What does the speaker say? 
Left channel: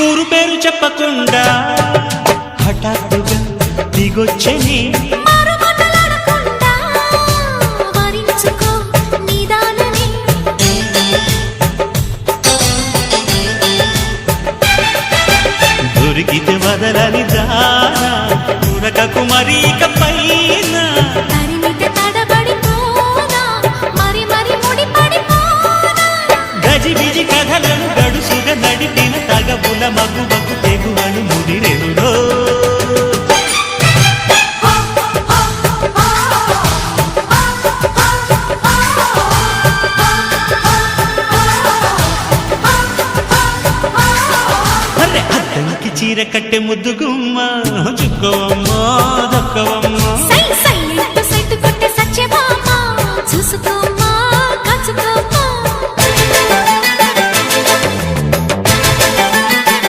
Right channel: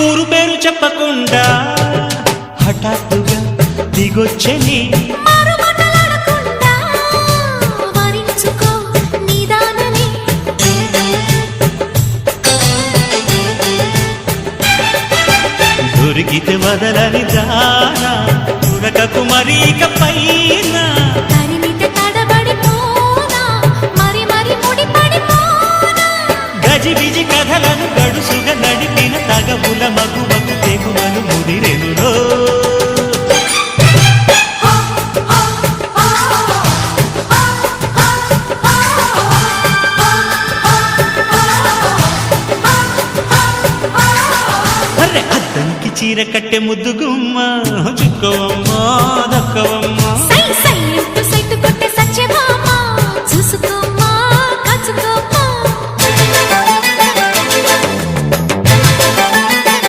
ఊరు పేరు చెప్పకుండా హఠాత్తుగా దిగొచ్చని దొరికితే వదలని దానా ఉరకకు మరీక పైన తరిమితే తడబడిపోనా మరి మరి ముడిపడిపోనా గజిబిజి కథలను గడుసుగా నడిపిన తగబుల మగువకు తెగువను ముదిరెనురో అద్దంకి చీర కట్టె ముద్దు గుమ్మ చుక్కవమ్మా దక్కవమ్మా సై సై కొట్టే సత్యభామ చూసుకో